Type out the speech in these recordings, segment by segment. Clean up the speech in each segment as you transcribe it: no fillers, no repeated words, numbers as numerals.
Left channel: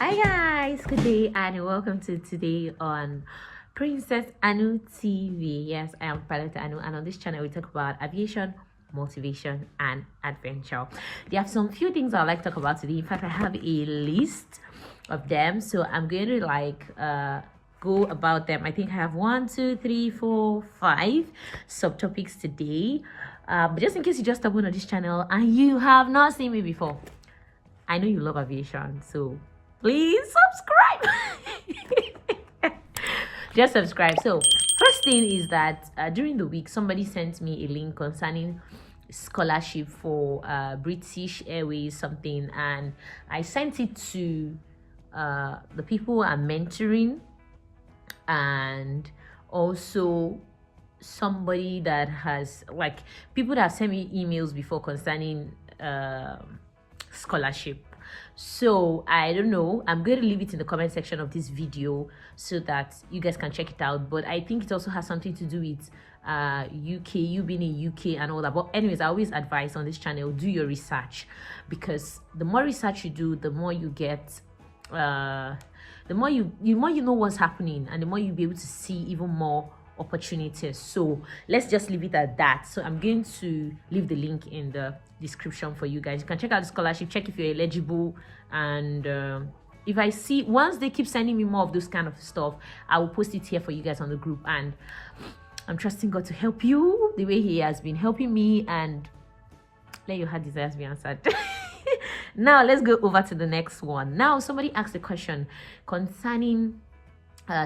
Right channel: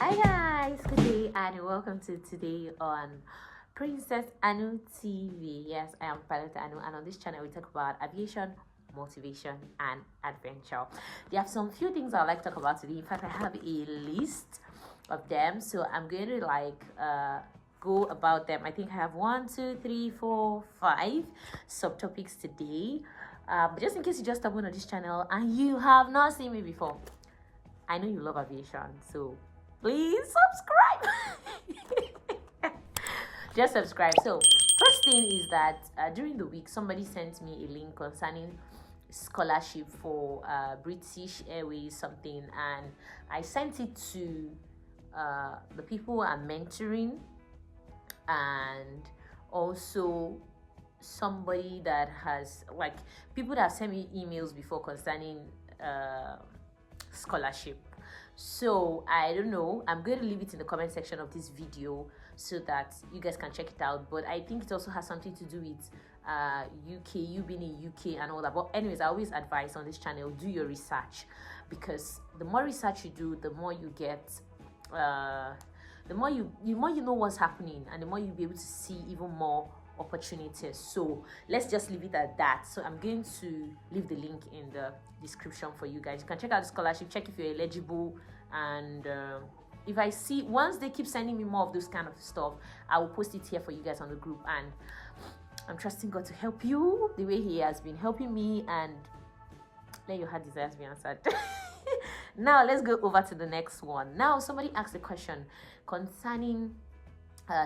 Hi guys, good day and welcome to today on Princess Anu TV. Yes, I am Pilot Anu, and on this channel we talk about aviation, motivation, and adventure. There are some few things I'd like to talk about today. In fact, I have a list of them, so I'm going to go about them. I think I have 1, 2, 3, 4, 5 subtopics today. But just in case you just stumbled on this channel and you have not seen me before, I know you love aviation, so please subscribe. Just subscribe. So first thing is that during the week somebody sent me a link concerning scholarship for British Airways something, and I sent it to the people I'm mentoring, and also somebody that has, like, people that have sent me emails before concerning scholarship. So I don't know, I'm going to leave it in the comment section of this video so that you guys can check it out. But I think it also has something to do with UK, you being in UK and all that. But anyways, I always advise on this channel, do your research, because the more research you do, the more you get the more you know what's happening, and the more you'll be able to see even more opportunities. So let's just leave it at that. So I'm going to leave the link in the description for you guys. You can check out the scholarship, check if you're eligible, and if I see, once they keep sending me more of those kind of stuff, I will post it here for you guys on the group. And I'm trusting God to help you the way he has been helping me, and let your heart desires be answered. Now let's go over to the next one. Now somebody asked a question concerning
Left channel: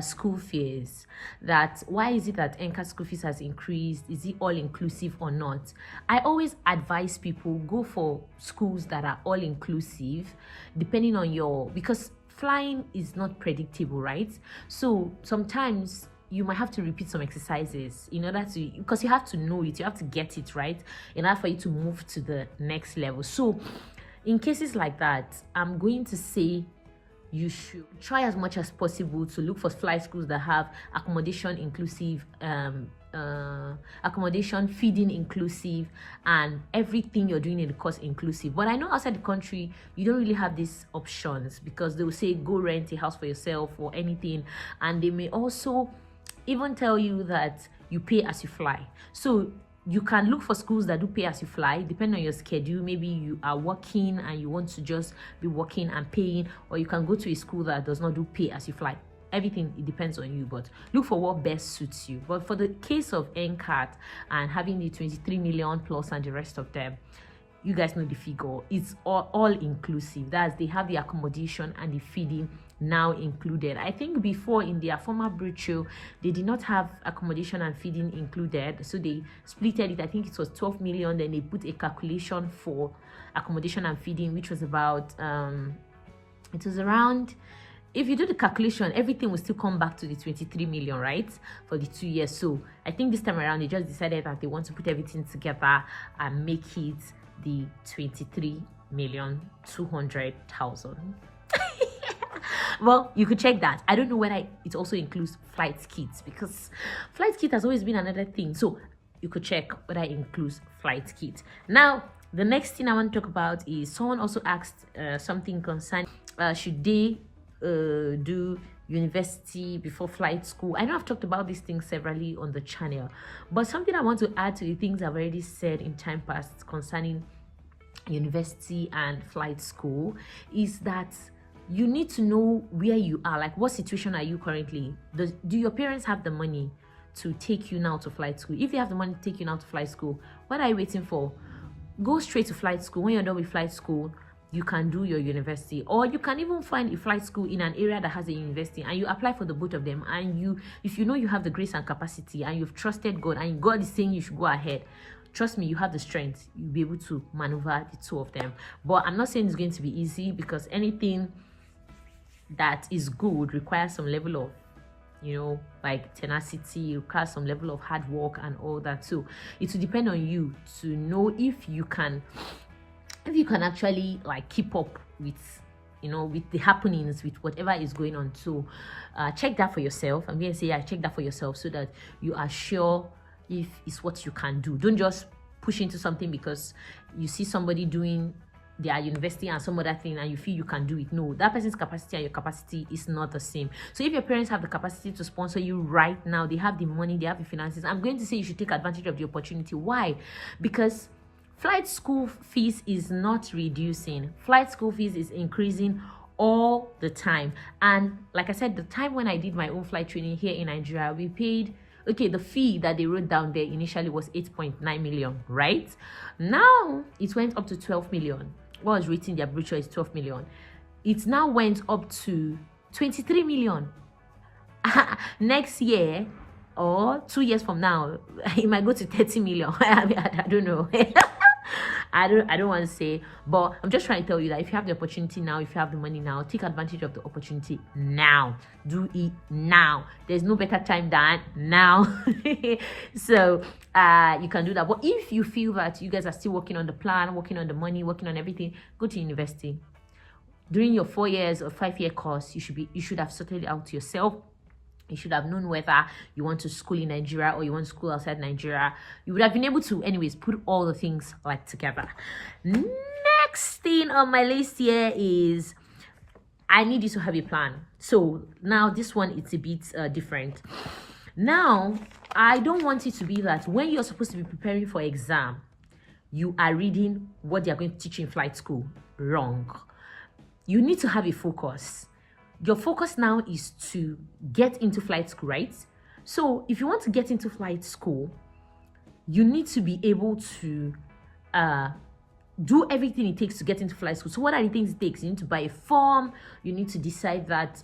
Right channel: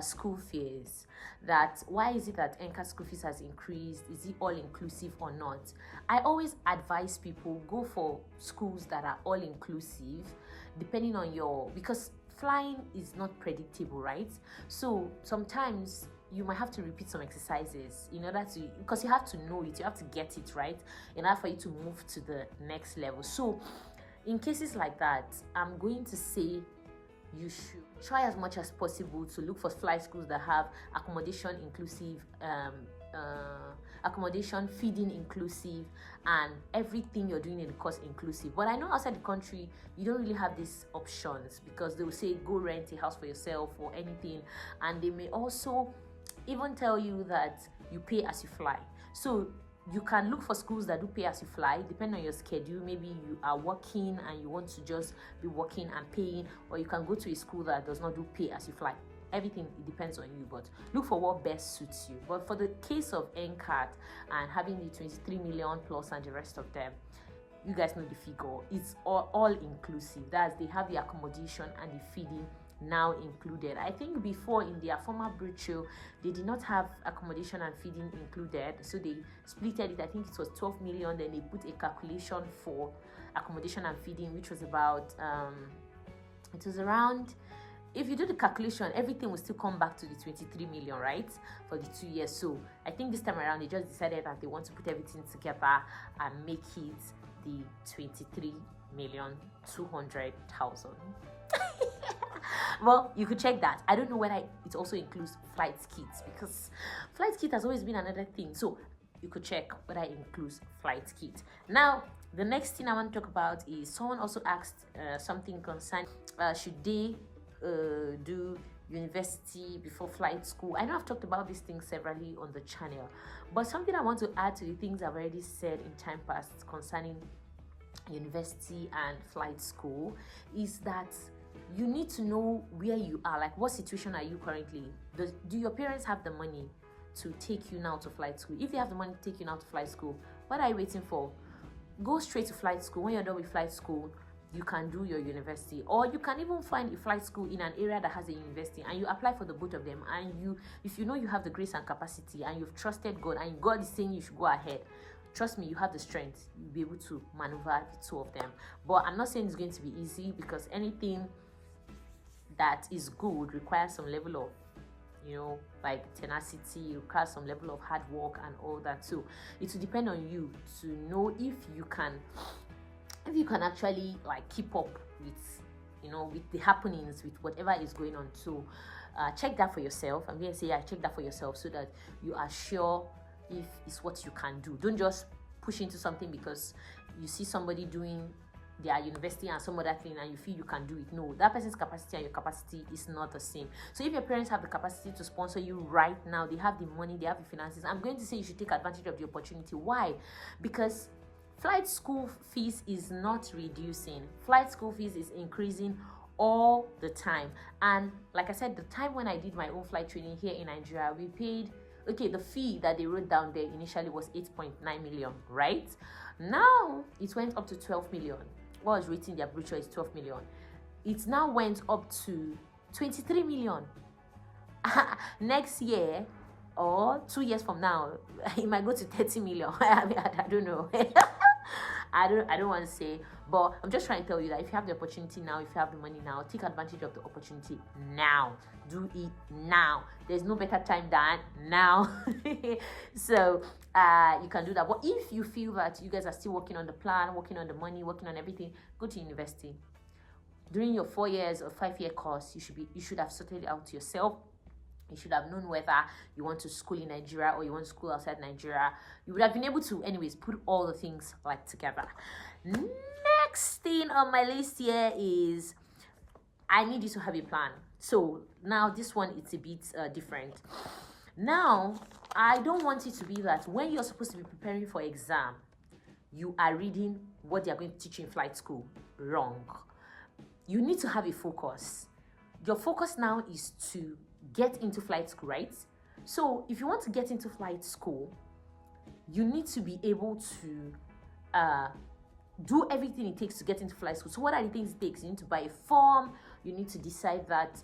school fees, that why is it that NCAT school fees has increased? Is it all inclusive or not? I always advise people, go for schools that are all inclusive, depending on your, because flying is not predictable, right? So sometimes you might have to repeat some exercises in order to, because you have to know it, you have to get it right in order for you to move to the next level. So in cases like that, I'm going to say you should try as much as possible to look for flight schools that have accommodation inclusive, accommodation, feeding inclusive, and everything you're doing in the course inclusive. But I know outside the country you don't really have these options, because they will say go rent a house for yourself or anything, and they may also even tell you that you pay as you fly. So you can look for schools that do pay as you fly, depending on your schedule. Maybe you are working and you want to just be working and paying, or you can go to a school that does not do pay as you fly. Everything, it depends on you, but look for what best suits you. But for the case of NCAT and having the 23 million plus and the rest of them, you guys know the figure. It's all inclusive. That's, they have the accommodation and the feeding now included. I think before, in their former brochure, they did not have accommodation and feeding included, so they splitted it. I think it was 12 million, then they put a calculation for accommodation and feeding, which was about it was around, if you do the calculation, everything will still come back to the 23 million, right, for the 2 years. So I think this time around they just decided that they want to put everything together and make it the 23,200,000. Well, you could check that. I don't know whether it also includes flight kits, because flight kit has always been another thing. So you could check whether it includes flight kit. Now, the next thing I want to talk about is, someone also asked something concerning should they do university before flight school. I know I've talked about these things severally on the channel, but something I want to add to the things I've already said in time past concerning university and flight school is that you need to know where you are, like what situation are you currently. Do your parents have the money to take you now to flight school? If they have the money to take you now to flight school, what are you waiting for? Go straight to flight school. When you're done with flight school, you can do your university, or you can even find a flight school in an area that has a university, and you apply for the both of them. And you, if you know you have the grace and capacity, and you've trusted God, and God is saying you should go ahead, trust me, you have the strength. You'll be able to maneuver the two of them. But I'm not saying it's going to be easy, because anything that is good requires some level of, you know, like tenacity, requires some level of hard work and all that. So it will depend on you to know if you can actually like keep up with, you know, with the happenings, with whatever is going on. So check that for yourself. I'm going to say, check that for yourself, so that you are sure if it's what you can do. Don't just push into something because you see somebody doing their university and some other thing, and you feel you can do it. No, that person's capacity and your capacity is not the same. So if your parents have the capacity to sponsor you right now, they have the money, they have the finances, I'm going to say you should take advantage of the opportunity. Why? Because flight school fees is not reducing. Flight school fees is increasing all the time. And like I said, the time when I did my own flight training here in Nigeria, we paid, okay, the fee that they wrote down there initially was 8.9 million, right? Now it went up to 12 million. What was written in their brochure is 12 million. It now went up to 23 million. Next year or 2 years from now, it might go to 30 million. I don't know. I don't want to say, but I'm just trying to tell you that if you have the opportunity now, if you have the money now, take advantage of the opportunity now. Do it now. There's no better time than now. So you can do that. But if you feel that you guys are still working on the plan, working on the money, working on everything, go to university. During your 4 years or 5-year course, you should have sorted it out yourself. You should have known whether you want to school in Nigeria or you want to school outside Nigeria. You would have been able to, anyways, put all the things like together. Next thing on my list here is I need you to have a plan. So now this one, it's a bit different. Now, I don't want it to be that when you're supposed to be preparing for exam, you are reading what they are going to teach you in flight school. Wrong. You need to have a focus. Your focus now is to get into flight school, right? So if you want to get into flight school, you need to be able to do everything it takes to get into flight school. So what are the things it takes? You need to buy a form. You need to decide that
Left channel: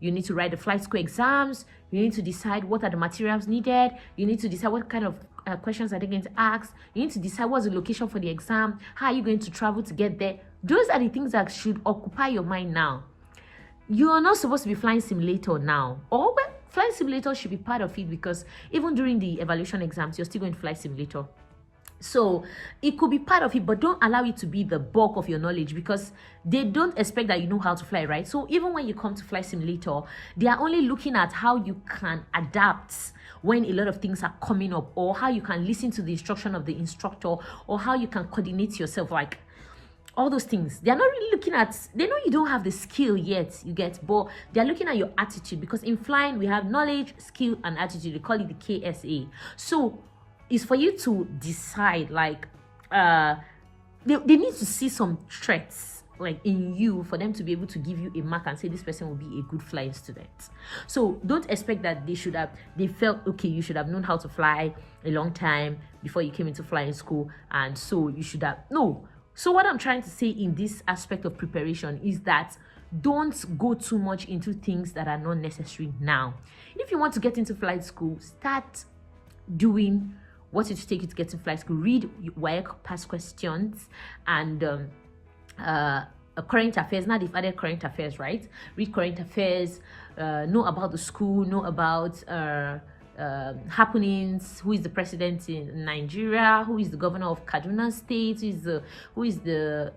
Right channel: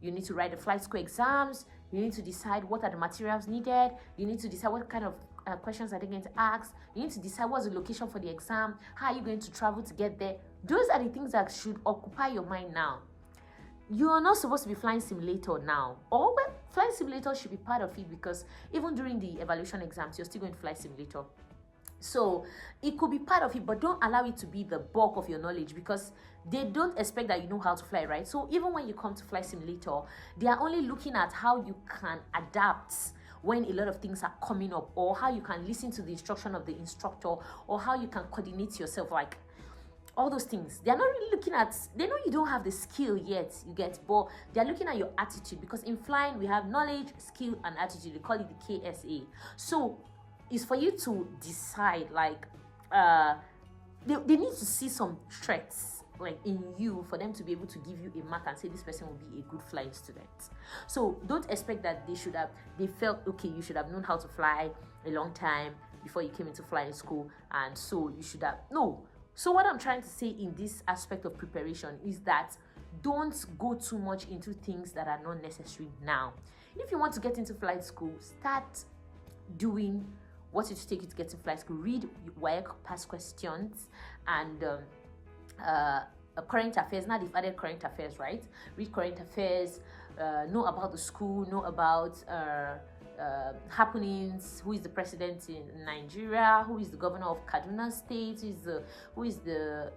you need to write the flight school exams. You need to decide what are the materials needed. You need to decide what kind of questions are they going to ask. You need to decide what's the location for the exam. How are you going to travel to get there? Those are the things that should occupy your mind now. You are not supposed to be flying simulator now. Or well, flying simulator should be part of it, because even during the evaluation exams, you're still going to fly simulator. So it could be part of it, but don't allow it to be the bulk of your knowledge, because they don't expect that you know how to fly, right? So even when you come to fly simulator, they are only looking at how you can adapt when a lot of things are coming up, or how you can listen to the instruction of the instructor, or how you can coordinate yourself, like all those things. They're not really looking at, they know you don't have the skill yet, you get, but they're looking at your attitude, because in flying we have knowledge, skill, and attitude. They call it the KSA. So it's for you to decide, like they need to see some traits like in you for them to be able to give you a mark and say this person will be a good flying student. So don't expect that they felt okay, you should have known how to fly a long time before you came into flying school, and so you should have, no. So what I'm trying to say in this aspect of preparation is that don't go too much into things that are not necessary now. If you want to get into flight school, start doing what it will take you to get to flight school. Read work, past questions, and current affairs. Now they've added current affairs, right? Read current affairs, know about the school, know about happenings, who is the president in Nigeria, who is the governor of Kaduna State, who is the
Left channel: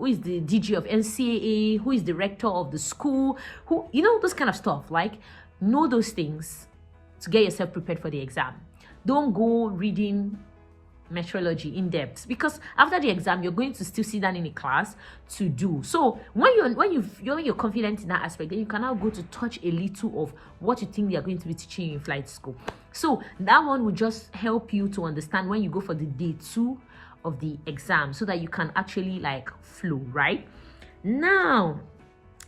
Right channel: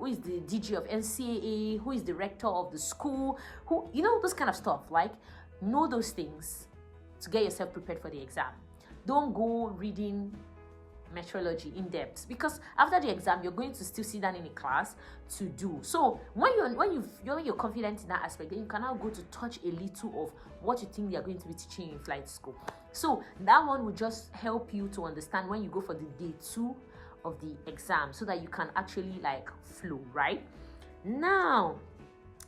DG of NCAT, who is the rector of the school, who, you know, those kind of stuff. Like, know those things to get yourself prepared for the exam. Don't go reading meteorology in depth, because after the exam you're going to still sit down in a class to do. So when you're confident in that aspect, then you can now go to touch a little of what you think they are going to be teaching you in flight school. So that one will just help you to understand when you go for the day 2 of the exam, so that you can actually like flow right now.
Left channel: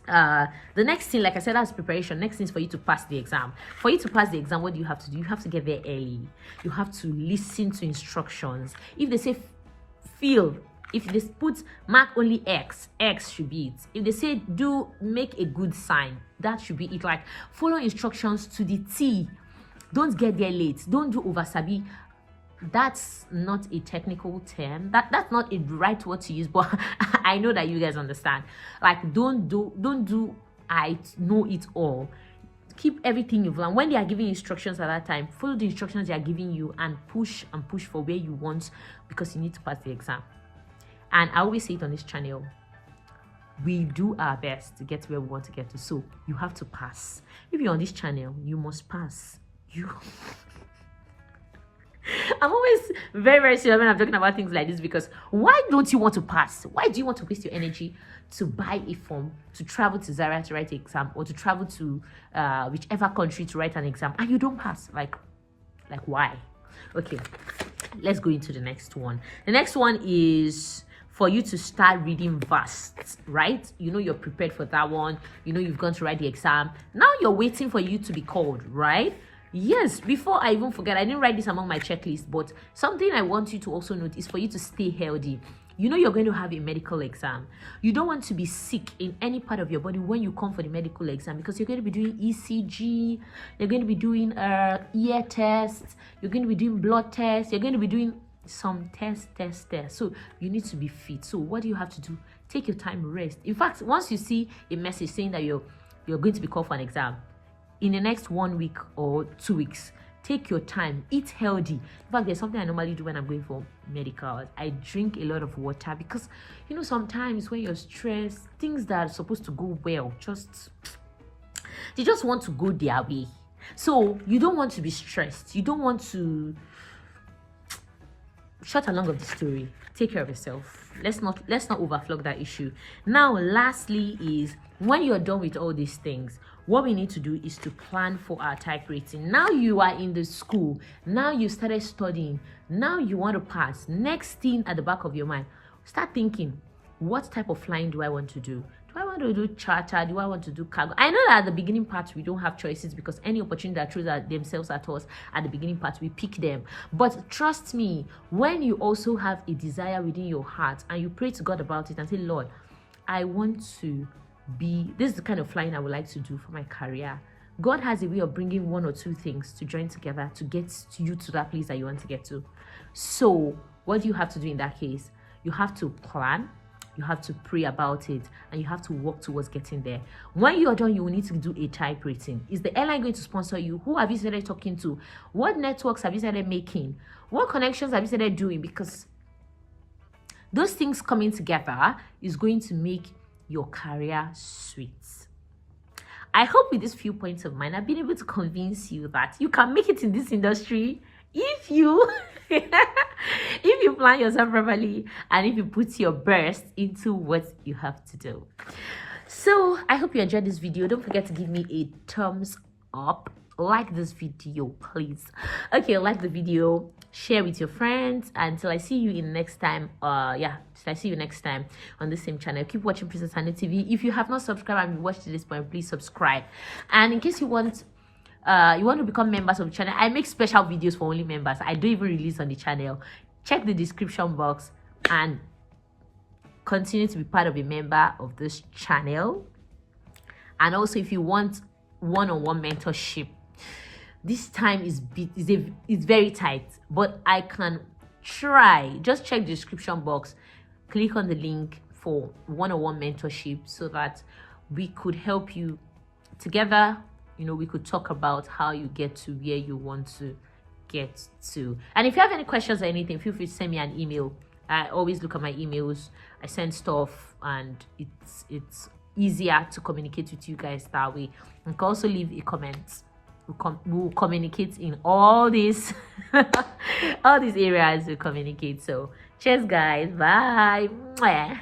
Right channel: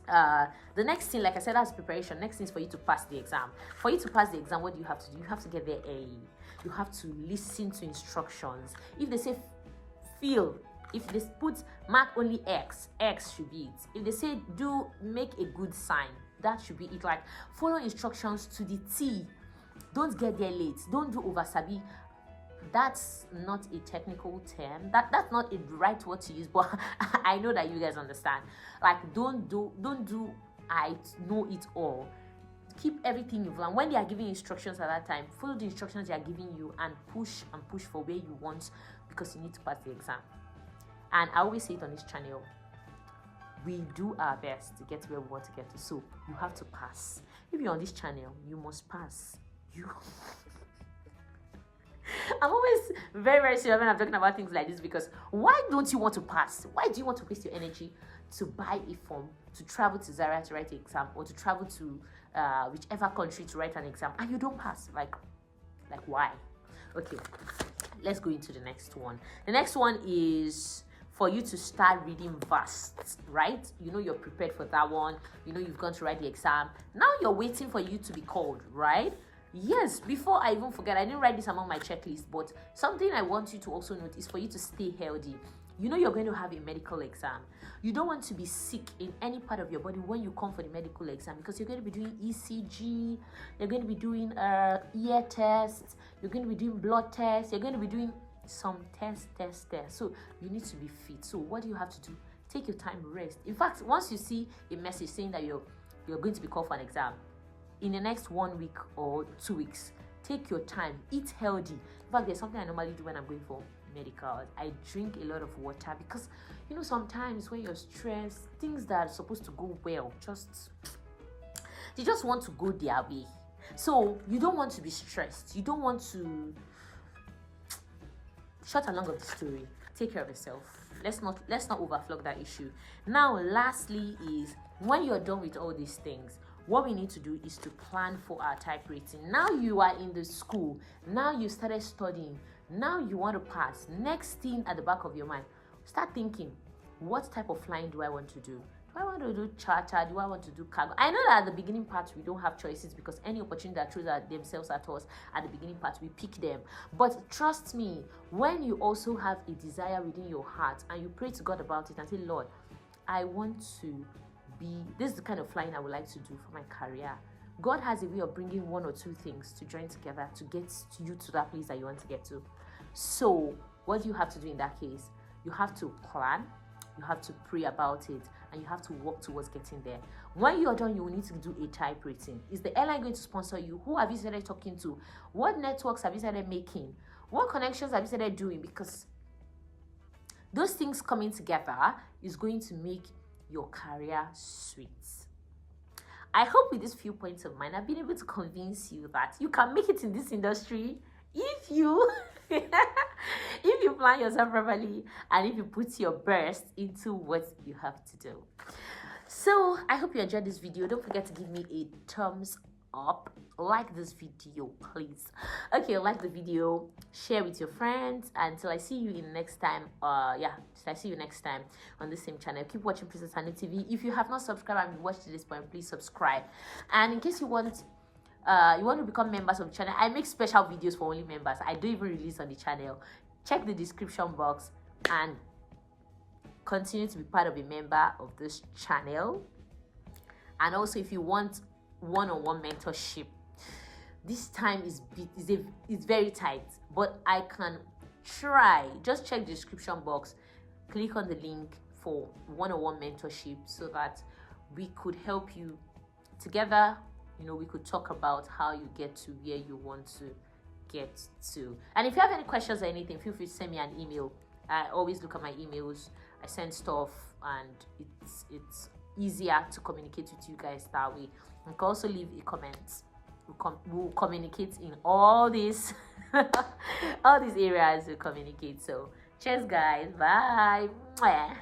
The next thing, like I said, that's preparation. Next thing is for you to pass the exam. For you to pass the exam, what do you have to do? You have to get there early. You have to listen to instructions. If they say fill, if they put mark only X should be it. If they say make a good sign, that should be it. Like, follow instructions to the T. Don't get there late. Don't do oversabi. That's not a technical term. That's not a right word to use, but I know that you guys understand. Like, don't do I know it all. Keep everything you've learned. When they are giving instructions at that time, follow the instructions they are giving you and push for where you want, because you need to pass the exam. And I always say it on this channel, we do our best to get where we want to get to. So you have to pass. If you're on this channel, you must pass. I'm always very, very serious when I'm talking about things like this, because why don't you want to pass? Why do you want to waste your energy to buy a form, to travel to Zaria to write an exam, or to travel to whichever country to write an exam, and you don't pass? Like why? Okay, let's go into the next one. The next one is for you to start reading fast, right? You know you're prepared for that one. You know you've gone to write the exam. Now you're waiting for you to be called, right? Yes, before I even forget, I didn't write this among my checklist, but something I want you to also note is for you to stay healthy. You know you're going to have a medical exam. You don't want to be sick in any part of your body when you come for the medical exam, because you're going to be doing ECG, you're going to be doing ear tests, you're going to be doing blood tests, you're going to be doing some tests. So you need to be fit. So what do you have to do? Take your time, rest. In fact, once you see a message saying that you're going to be called for an exam, in the next 1 week or 2 weeks, take your time, eat healthy. In fact, there's something I normally do when I'm going for medicals. I drink a lot of water, because you know sometimes when you're stressed, things that are supposed to go well they just want to go their way. So you don't want to be stressed. You don't want to. Short along of the story, take care of yourself. Let's not overflog that issue. Now, lastly, is when you're done with all these things, what we need to do is to plan for our type rating. Now you are in the school. Now you started studying. Now you want to pass. Next thing at the back of your mind, start thinking, what type of flying do I want to do? Do I want to do charter? Do I want to do cargo? I know that at the beginning part, we don't have choices, because any opportunity that throws themselves at us at the beginning part, we pick them. But trust me, when you also have a desire within your heart and you pray to God about it and say, Lord, I want to this is the kind of flying I would like to do for my career. God has a way of bringing one or two things to join together to get you to that place that you want to get to. So what do you have to do in that case? You have to plan, you have to pray about it, and you have to work towards getting there. When you're done, you will need to do a type rating. Is the airline going to sponsor you? Who have you started talking to? What networks have you started making? What connections have you started doing? Because those things coming together is going to make your career sweet. I hope with these few points of mine, I've been able to convince you that you can make it in this industry if you if you plan yourself properly and if you put your best into what you have to do. So I hope you enjoyed this video. Don't forget to give me a thumbs up. Like this video, please. Okay, like the video, share with your friends. Until I see you in next time. I see you next time on the same channel. Keep watching PrincessAnuTv. If you have not subscribed and you watched to this point, please subscribe. And in case you want to become members of the channel, I make special videos for only members. I don't even release on the channel. Check the description box and continue to be part of a member of this channel. And also, if you want one-on-one mentorship, this time is very tight, but I can try. Just check the description box, click on the link for one-on-one mentorship, so that we could help you together. You know, we could talk about how you get to where you want to get to. And if you have any questions or anything, feel free to send me an email. I always look at my emails. I send stuff, and it's easier to communicate with you guys that way. You can also leave a comment. We'll communicate in all these all these areas. We communicate. So cheers, guys. Bye. Mwah.